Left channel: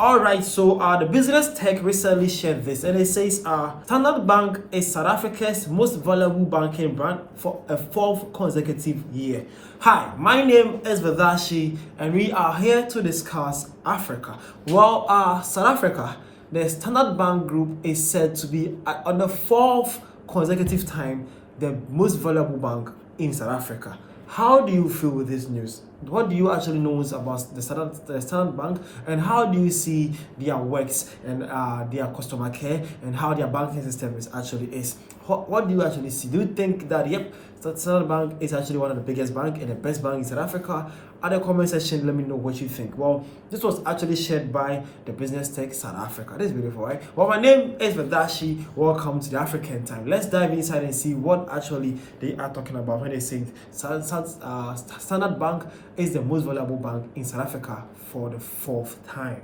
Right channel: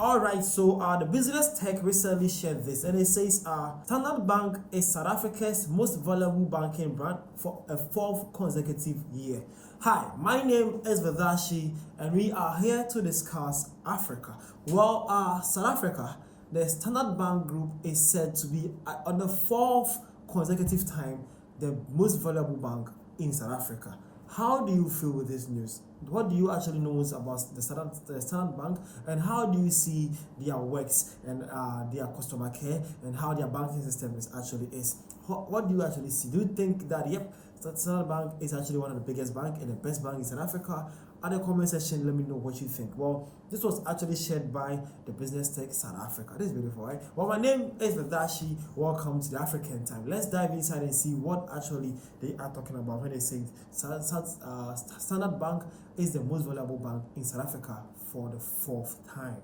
All right, so the Business Tech recently shared this, and it says Standard Bank is South Africa's most valuable banking brand for a fourth consecutive year. Hi, my name is Vadashi, and we are here to discuss Africa. Well, South Africa, the Standard Bank Group is said to be on the fourth consecutive time the most valuable bank in South Africa. How do you feel with this news? What do you actually know about the Standard Bank, and how do you see their works and their customer care and how their banking system is? What do you actually see? Do you think that Standard Bank is actually one of the biggest bank and the best bank in South Africa? At the comment section, let me know what you think. Well, this was actually shared by the Business Tech South Africa. This is beautiful, right? Well, my name is Vadashi. Welcome to the African Time. Let's dive inside and see what actually they are talking about when they say Standard Bank is the most valuable bank in South Africa for the fourth time.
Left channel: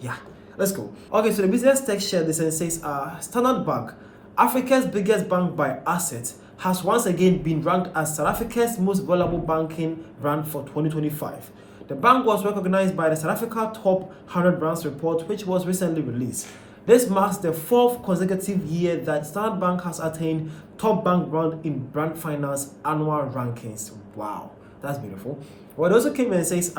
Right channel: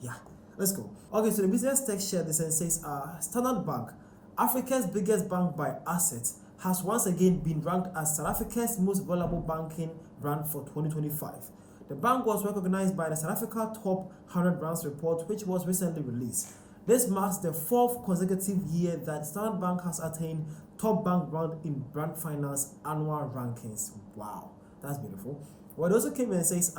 Yeah, let's go. Okay, so the Business Tech shared this and says Standard Bank, Africa's biggest bank by assets, has once again been ranked as South Africa's most valuable banking brand for 2025. The bank was recognized by the South Africa Top 100 Brands report, which was recently released. This marks the fourth consecutive year that Standard Bank has attained top bank brand in Brand Finance annual rankings. Wow, that's beautiful. Well, it also came and says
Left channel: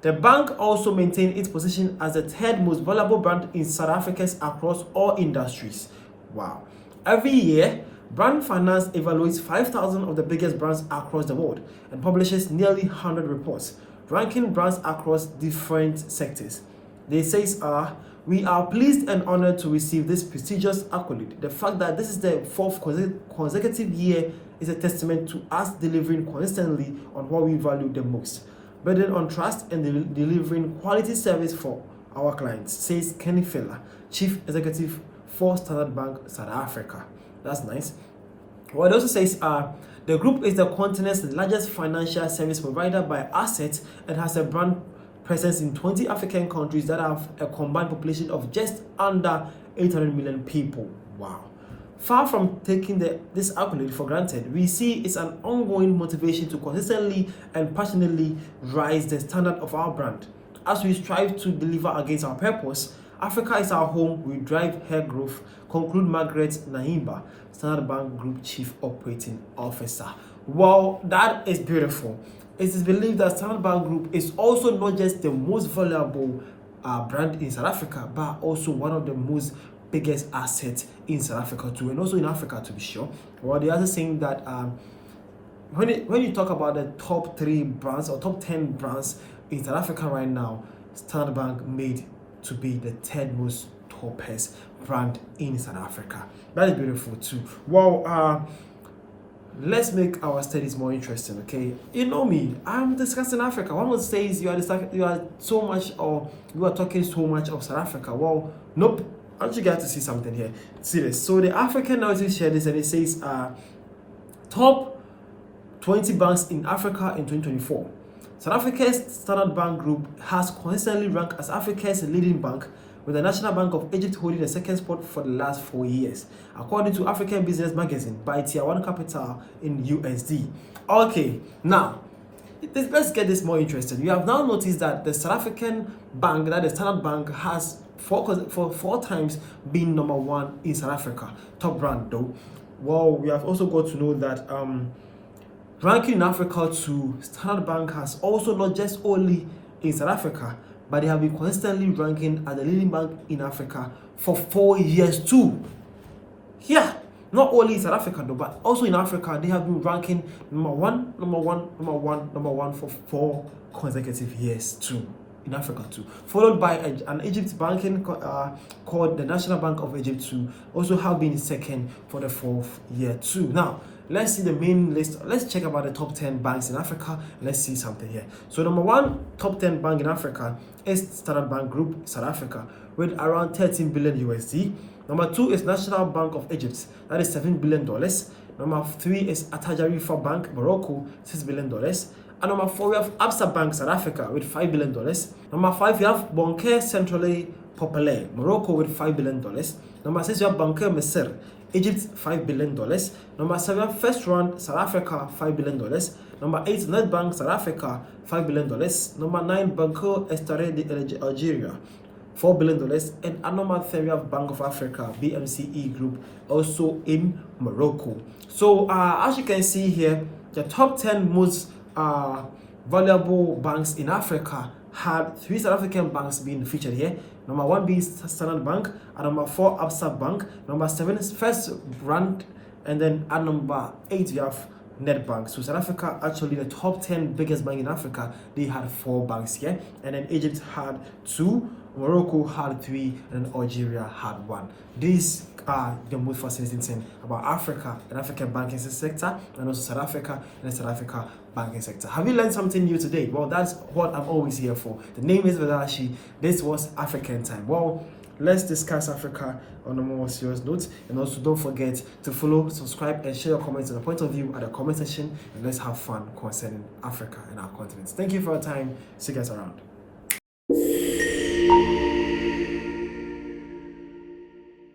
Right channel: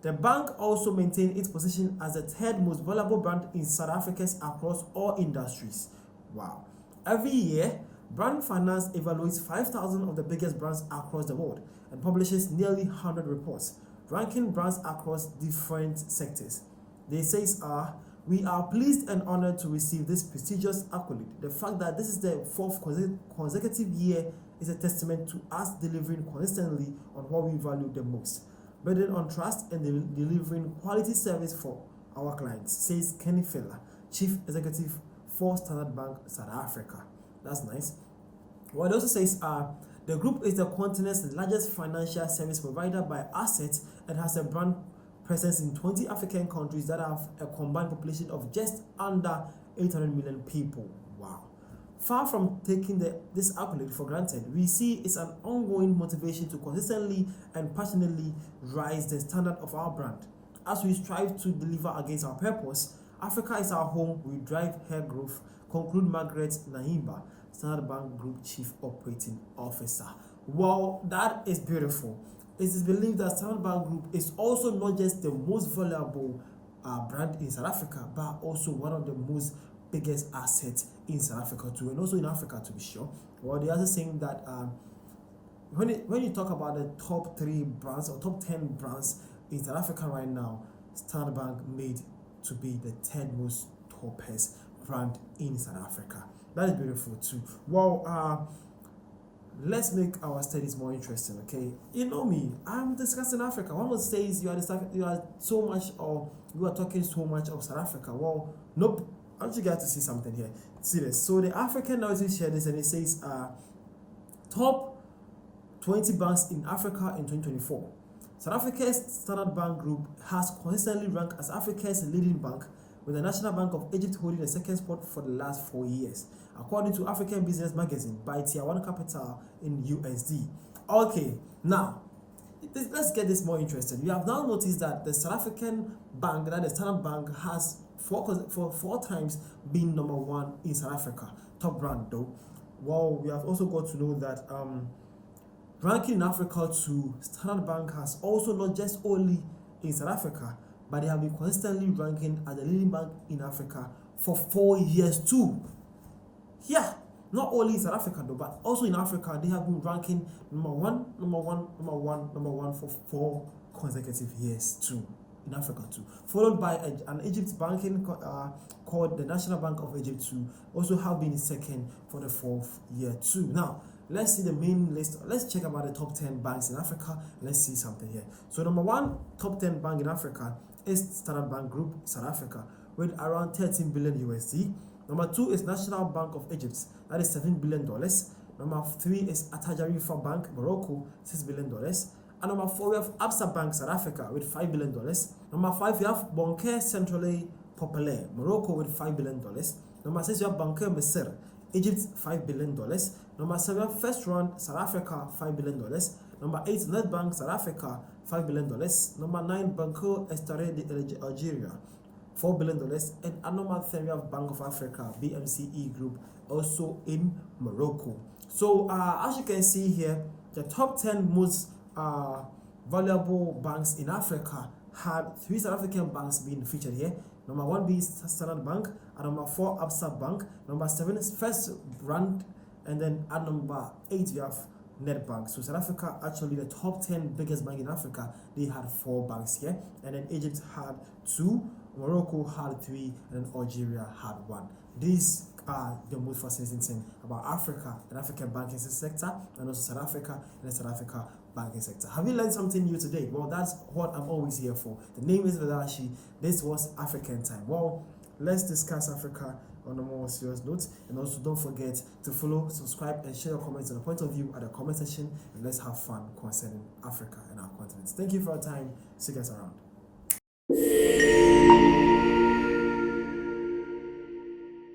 the bank also maintained its position as the third most valuable brand in South Africa across all industries. Wow. Every year, Brand Finance evaluates 5,000 of the biggest brands across the world and publishes nearly 100 reports, ranking brands across different sectors. They say, we are pleased and honored to receive this prestigious accolade. The fact that this is the fourth consecutive year is a testament to us delivering consistently on what we value the most, building on trust and delivering quality service for our clients, says Kenny Filler, Chief Executive for Standard Bank South Africa. That's nice. Well, it also says the group is the continent's largest financial service provider by assets and has a brand presence in 20 African countries that have a combined population of just under 800 million people. Wow. Far from taking this accolade for granted, we see it's an ongoing motivation to consistently and passionately rise the standard of our brand. As we strive to deliver against our purpose, Africa is our home, we drive her growth, conclude Margaret Nahimba, Standard Bank Group Chief Operating Officer. Well, that is beautiful. It is believed that Standard Bank Group is also not just the most valuable brand in South Africa, but also one of the most biggest assets in South Africa too, and also in Africa to be sure. Well, they are also saying that when you talk about the top 3 brands or top 10 brands in South Africa right now, Standard Bank made to be the third most topest brand in South Africa. That is beautiful too. Well, let's make our studies more interesting, okay? You know me, I'm discussing Africa. One would say you are talking so much of South Africa. Well, nope. I want you guys to see something here. See this. So the African Narrative shared this and it says top 20 banks in Africa in 2024. South Africa's Standard Bank Group has consistently ranked as Africa's leading bank, with the National Bank of Egypt holding the second spot for the last 4 years, according to African Business Magazine by Tier 1 Capital in USD. Okay, now, let's get this more interesting. You have now noticed that the South African bank, that the Standard Bank, has for 4 times been number 1 in South Africa, top brand though. Well, we have also got to know that ranking in Africa too, Standard Bank has also not just only in South Africa, but they have been constantly ranking as the leading bank in Africa for 4 years too. Yeah, not only in South Africa though, but also in Africa, they have been ranking number one for 4 consecutive years too. In Africa too, followed by an Egypt banking called the National Bank of Egypt too, also have been second for the 4th year too. Now, let's see the main list. Let's check about the top 10 banks in Africa. Let's see something here. So number 1 top 10 bank in Africa is Standard Bank Group South Africa with around 13 billion USD. Number 2 is National Bank of Egypt, that is $7 billion. Number 3 is Atajarifa Bank Morocco, $6 billion. And number 4, we have Absa Bank South Africa with $5 billion. Number 5, we have Banque Centrale Populaire Morocco with $5 billion. Number 6, we have Banque Misr Egypt $5 billion. Number 7, First Round South Africa $5 billion. Number 8, Nedbank South Africa $5 billion. Number 9, Banco Estare de Algeria $4 billion. And at number 3, we have Bank of Africa, BMCE Group, also in Morocco. So as you can see here, the top 10 most valuable banks in Africa had 3 South African banks being featured here. Number 1 being Standard Bank, at number 4 Absa Bank, number 7 is First Rand, and then at number 8 we have Nedbank. So South Africa, actually the top 10 biggest bank in Africa, they had 4 banks here, and then Egypt had 2, Morocco had 3, and then Algeria had 1. These are the most fascinating thing about Africa and African banking sector, and also South Africa and the South Africa banking sector. Have you learned something new today? Well, that's what I'm always here for. The name is Vadashi. This was African Time. Well, let's discuss Africa on a more serious note, and also don't forget to follow, subscribe, and share your comments and the point of view at the comment section, and let's have fun concerning Africa and our continent. Thank you for your time. See you guys around.